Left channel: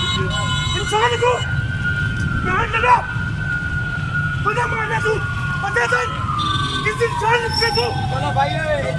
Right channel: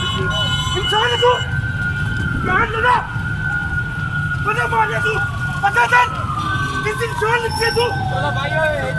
इंसान है तू, क्या लड़ा, पता मारना तू, पता चल, किस इंसान से तू, चलो भाई ये